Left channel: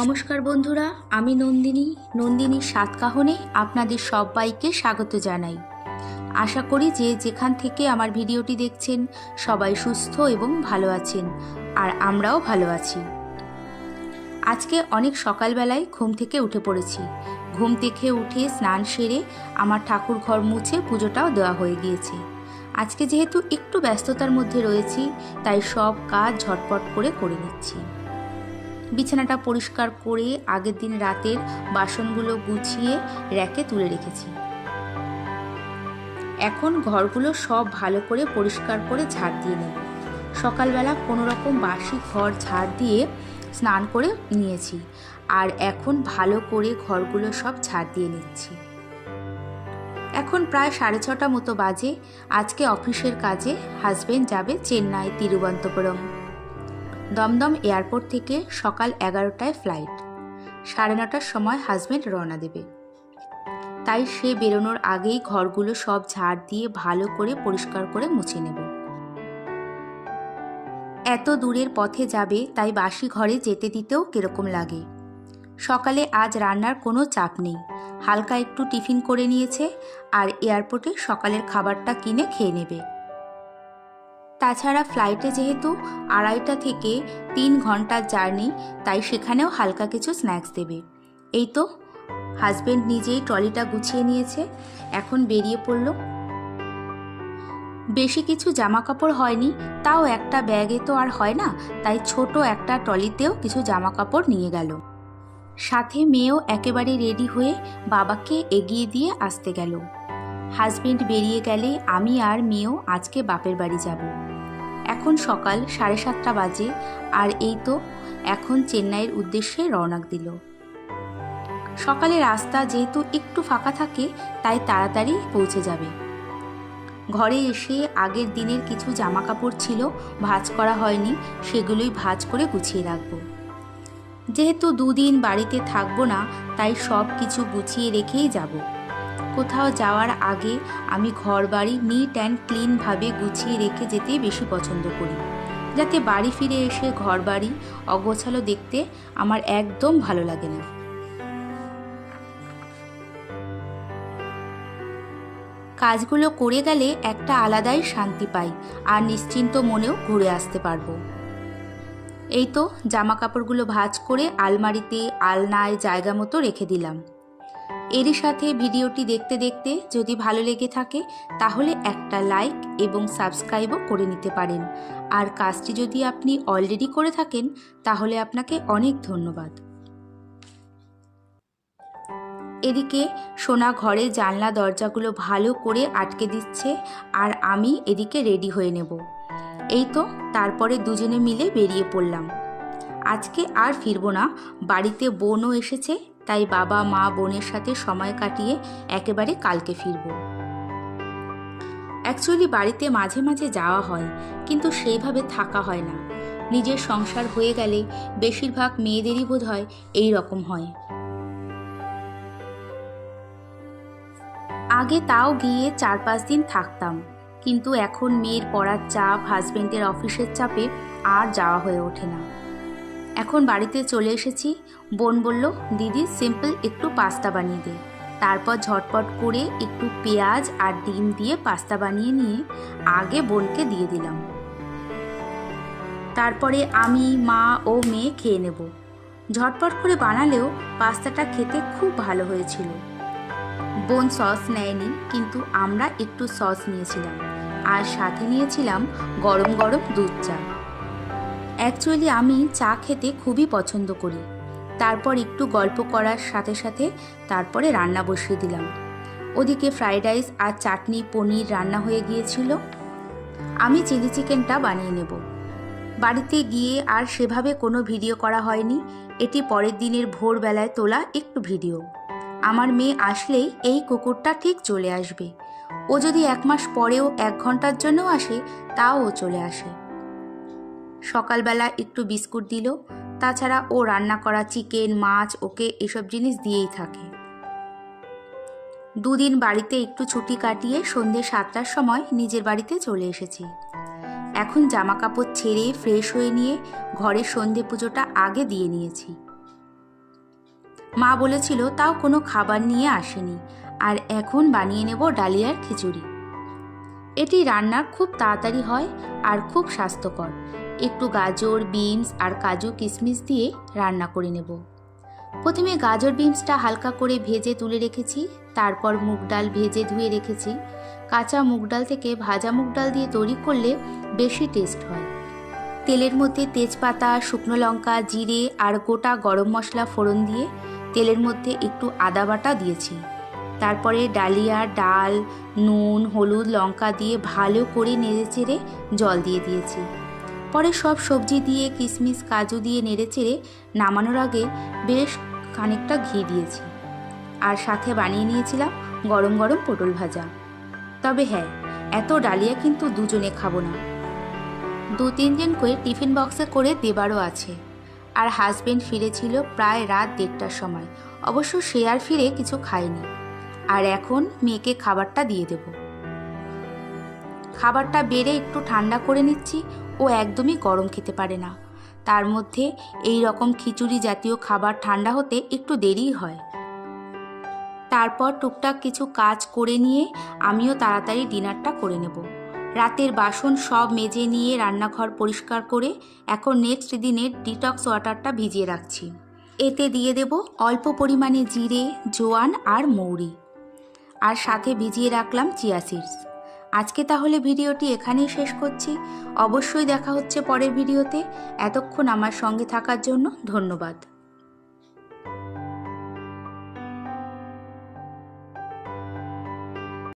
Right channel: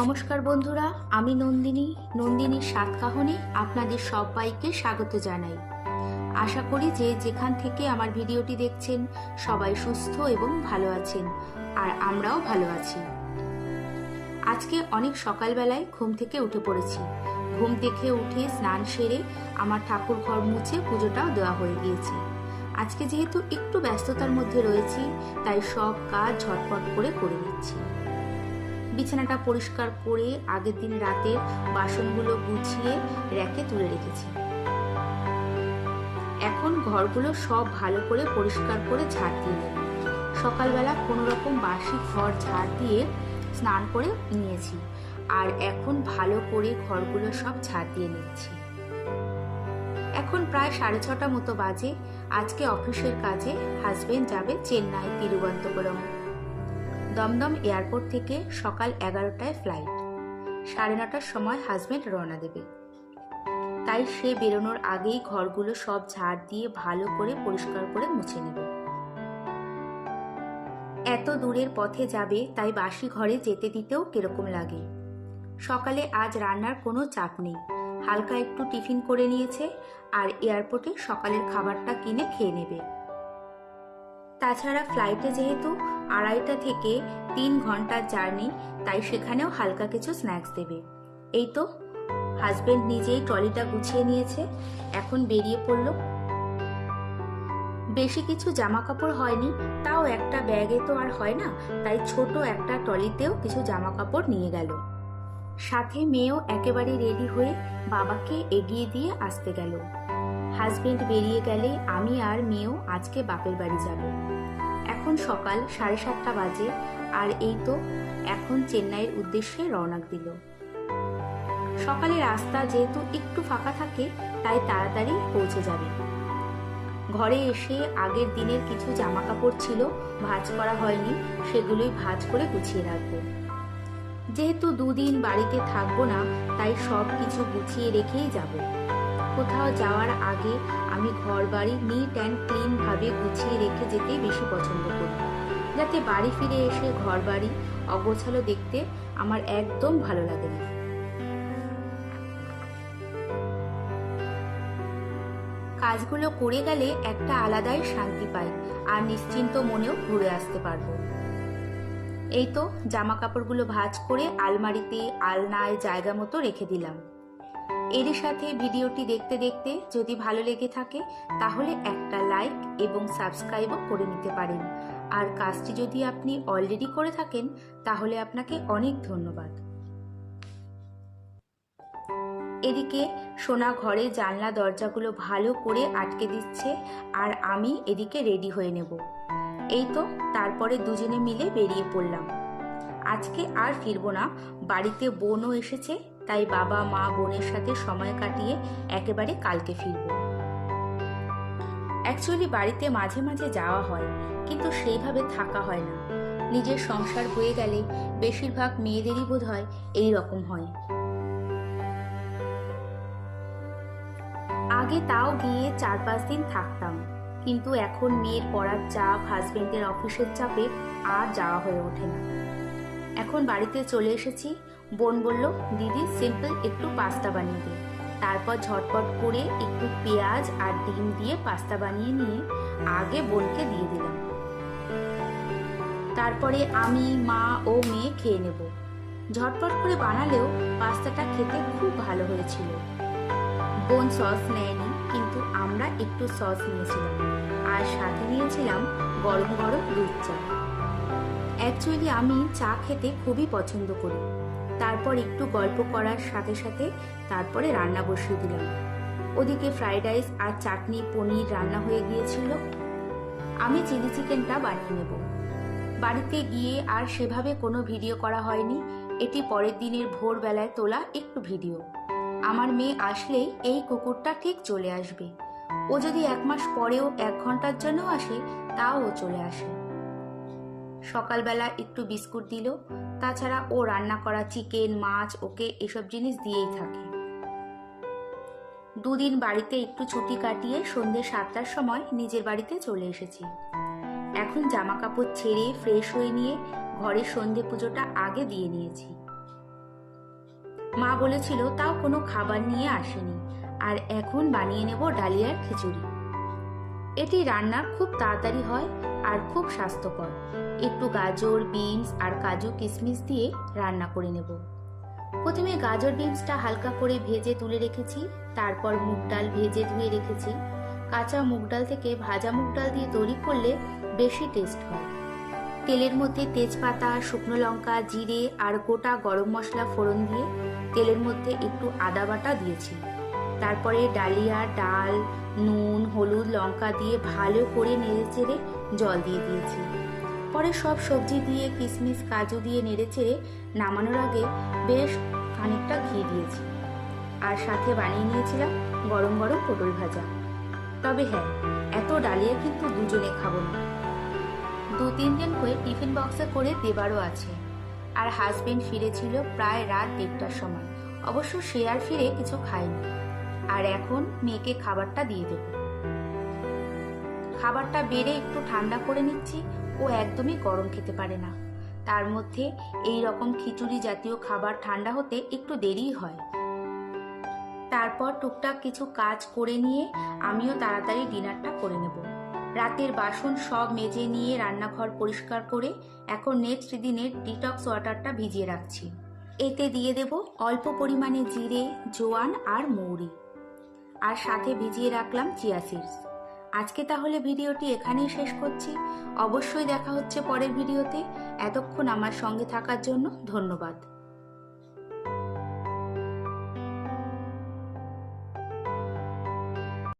নমস্কার বন্ধুরা, আমি নন্দিনী, নন্দিনীর সাতকাহনে আপনাদের সবাইকে স্বাগত জানাই। আশা করি যে যেখান থেকে আমার ভিডিওটি দেখছেন, সবাই সুস্থ এবং ভালো আছেন, আর আমরাও ভালো আছি। আজকে অনেক সকালবেলায় ঘুম থেকে উঠে পড়েছি। ঘুম থেকে উঠে স্নান সেরে আমার ঠাকুর ঘর মুছে পুজোটাও দেওয়া হয়ে গিয়েছে। আজকে যেহেতু একটু ব্যস্ততার মধ্যে রয়েছি, তাই সব কাজ ঝটপট করে করে নিচ্ছি। বিছানাটা পরিষ্কার করে আগের দিন রাতের বাসনগুলো গুছিয়ে র্যাকে তুলে রেখেছি। এখন ঘরগুলো সব ভালো করে পরিষ্কার করে ঝাড় দিয়ে নেব। সকালবেলা কোনো রকম বাসি ঘর ঝাড় দিয়ে স্নান করে নিয়েছি আর এখন ভালো করে ঘরগুলো সব ঝাড় দিয়ে নিচ্ছি। এখন প্রায় সাড়ে ছটা মতো বাজে। আজকে অফিসের কাজে হাজবেন্ড যাবে চেন্নাই তিরুবন্তপুরম দমদম এয়ারপোর্ট থেকে সকাল এগারোটায় ফ্লাইট। সাড়ে নটার সময় হাজবেন্ড রওনা দেবে। তাই সে বেরোনোর আগেই ঘরগুলো সব ঝাড় দিয়ে ভালো করে পরিষ্কার করে মুছে নেব। এত দূরের পথে যাবে, তাই বাসি ঘরে যেতে দিতেও কীরকম লাগে। সকালে আজ রান্নার কোনো চাপ নেই। হালকা একটু টিফিন করে নিয়েছে আর এয়ারপোর্টে সকালের খাবারটা কিনে খেয়ে নেবে। তাছাড়া ফ্লাইটে যেহেতু আড়াইটা থেকে তিন ঘণ্টার জার্নি তাই সেখানেও হালকা কিছু স্ন্যাক্স দেবে। এই তো হাজবেন্ড নিজেই ট্রলিটা গুছিয়ে নিয়েছে, এখন বেরিয়ে পড়ল। বেশি কিছু জামা কাপড় হয়নি, তাও একটা ব্যাগে তো আর হয় না, তাই ছোট একটা ট্রলিতেও কিছু জামা কাপড় নিয়ে গেল। সাথে মেয়েও একেবারে রেডি হয়ে বাবাকে এগিয়ে দিয়ে আসতে গেল। হাজবেন্ড বেরিয়ে গেলে আমি আর মেয়েও আজকে বাপের বাড়ি যাব। এখন সকাল সাড়ে সাতটা বাজে আর এই তো এখন চেন্নাইয়ের উদ্দেশ্যে রওনা দিল। সকালে রাস্তা যেহেতু একটু ফাঁকা থাকে, তাই তাড়াতাড়ি পৌঁছে যাবে। ঘরে এসে আগের দিনের কিছু জামা কাপড় ছিল, ভাঁজ করা হয়নি, সেগুলোই ভাঁজ করে গুছিয়ে রাখব। যেহেতু দুদিন বাড়িতে থাকব না, তাই সব কিছু গুছিয়ে রেখেই যাব। কোথাও যাওয়ার আগে আমি ঘর বাড়ি নিট অ্যান্ড ক্লিনভাবে গুছিয়ে রেখে যেতে বেশি পছন্দ করি। যাতে বাড়ি ফিরে এসে ঘর বাড়ি অগোছালো দেখতে আমার একদম ভালো লাগে না। কাজগুলো করে গেলে একটা আলাদাই শান্তি পাই আর নিশ্চিন্ত মনেও ঘুরে আসতে পারব। এই তো জামা কাপড়গুলো ভাঁজ করে আলমারিতে, আলনায় জায়গা মতো রেখে দিলাম। এরই সাথে ভিডিওটি দেখতে দেখতে যদি ভালো লেগে থাকে, তাহলে একটা লাইক এবং সাবস্ক্রাইবও করে নিতে পারেন। আর কাজটি যদি আপনি অলরেডি করে থাকেন, তাহলে আপনাকে অনেক ধন্যবাদ। এদিকে সোনা ঘরে জানলা দরজাগুলো ভালো করে আটকে দিচ্ছে আর আমি এদিকে রেডি হয়ে নেব। এই তো তারপরে দুজনে মিলে বেরিয়ে পড়লাম। আজকে আর ফিরবো না। বাড়িতে বোনও এসেছে তাই বাবা, মা, বোনের সাথে সময় কাটিয়ে একেবারে কালকে ফিরব। অ্যাকচুয়ালি বাড়িতে মাঝে মাঝে যাওয়া হয়, কিন্তু সেইভাবে থাকা হয় না। নিজের সংসার হয়ে গেলে বেশিরভাগ মেয়েদেরই বোধ হয় এই রকম হয়। আগে তাও গিয়ে চার পাঁচ দিন থাকতাম, কিন্তু এখন মেয়ের পড়ার চাপ হাজবেন্ডের অফিসের চাপে আর যাওয়া হয়ে ওঠে না। এখন বাড়িতে চলে এসেছি। বোন বলল, দিদি সিম্পল একটু পাস্তা বানিয়ে দে। তারপর ঝটপট করে একটু পেঁয়াজ আর ডিম দিয়ে পাস্তা বানিয়ে নিয়ে আগে বোনকে দিয়ে দিলাম। তারপরে আমি, মা ও মেয়ে খেয়ে নেব। ঝটপট করে বানালেও পাস্তাটা খেতে খুব ভালো হয়েছিল। বোন সস নেয়নি, কিন্তু আমরা একটু সস নিয়েছিলাম। আর সাথে নিয়েছিলাম গরম গরম দুধ চা। অ্যাকচুয়ালি আমি চা খেতে খুবই পছন্দ করি। তারপর একটু গল্প করার সাথে সাথে তারপরে রান্না বসিয়ে দিলাম। ওদিকে ফ্রাইড রাইস আর চাটনি পনির রান্না হয়ে গিয়েছিল। আমি চিলি চিকেনটা বানিয়ে নেব। বাড়িতে গিয়ে আর সেভাবে কোনো ভিডিও করা হয়নি। এটি পরের দিনের ভোরবেলায় তোলা একটু ভিডিও। আমার মেয়ে আসলেই এই কুকুরটা ঠিক চলে আসবে। ও যদি এক মাস পরেও এক ঘণ্টার জন্যও আসে, তাও ও চলে আসে। সকালবেলা একটু বিস্কুট দিল, তাছাড়া ও রান্না করা চিকেন, মাছ, ওকে এসব জিনিস দিয়েই থাকে। দুদিন বাড়িতে একটু ছুটি কাটিয়ে সন্ধ্যে সাতটার সময় নিজের বাড়িতে চলে এসেছি। এখন জামা কাপড় ছেড়ে ফ্রেশ হয়ে নিয়ে ঘরের সন্ধে পুজোটা আগে দিয়ে নিয়েছি। মা বলেছিল, তাও কোনো খাবার নিয়ে আসেনি। আর এখন বানিয়ে নেব ডালিয়ার খিচুড়ি। এটি রান্নার খুব তাড়াতাড়ি হয় আর খুব স্বাস্থ্যকর। একটু গাজর, বিনস আর কাজু কিশমিশ দিয়ে রান্না করে নেব। প্রথমে গাজর, বিনসটা হালকা করে ভেজে তুলে রেখেছি, তারপর মুগ ডাল ভেজে ধুয়ে রেখেছি। কাঁচা মুগ ডাল থেকে ভাজা মুগ ডাল দিয়ে তৈরি করলে বেশি টেস্ট হয়। তেলের মধ্যে তেজপাতা, শুকনো লঙ্কা, জিরে আর গোটা গরম মশলা ফোড়ন দিয়ে তেলের মধ্যে একটু আদা বাটা দিয়েছি। তারপরে ডালিয়া, ডাল, নুন, হলুদ, লঙ্কা দিয়ে ভালো করে নেড়ে চেড়ে জল দিয়ে দিয়েছি। পরে সব সবজি দিয়ে কিশমিশ, কাজু দিয়ে নেড়ে চেড়ে নামানোর আগে বেশ খানিকটা ঘি দিয়েছি। আর সাথে বানিয়ে নিয়েছিলাম গরম গরম পটল ভাজা। তবে হ্যাঁ এত ডালিয়া কিন্তু দুজনে খাব না। দু তিনজন করে টিফিন বক্সে করে দেবারও আছে। আর হাজবেন্ড ফিরেছিল প্রায় রাত দেড়টার সময়। অবশ্য সে আর ফিরে কিছু খায়নি। আর এখন মেয়েকে খাবারটা দিয়ে দেব। খাবারটা বেড়ে একটু ঠান্ডা করে নিচ্ছি, ও একদমই গরম খেতে পারে না। তার মধ্যে এই রকম খিচুড়ি জাতীয় খাবার ঠান্ডা হতে একটু দেরি হয়। তারপর টুকটাক কিছু কাজ করে নিয়ে আমিও তাড়াতাড়ি ডিনারটা করে নেব। রাতের বাসন সব মেজে নিয়ে রান্নাঘর পরিষ্কার করে এখন নেক্সট দিনের ডিটক্স ওয়াটারটা ভিজিয়ে রাখছি। এতে দিয়ে দেব অল্প পরিমাণে জিরে, জোয়ান আর মৌরি। আর সাথে ভিজিয়ে রাখলাম চিয়া সিডস। আজকে তাহলে ভিডিওটি এখানেই শেষ করছি। অবশ্যই দেখা হচ্ছে পরের ভিডিওতে। এতক্ষণ আমার সঙ্গে থাকার জন্য ধন্যবাদ।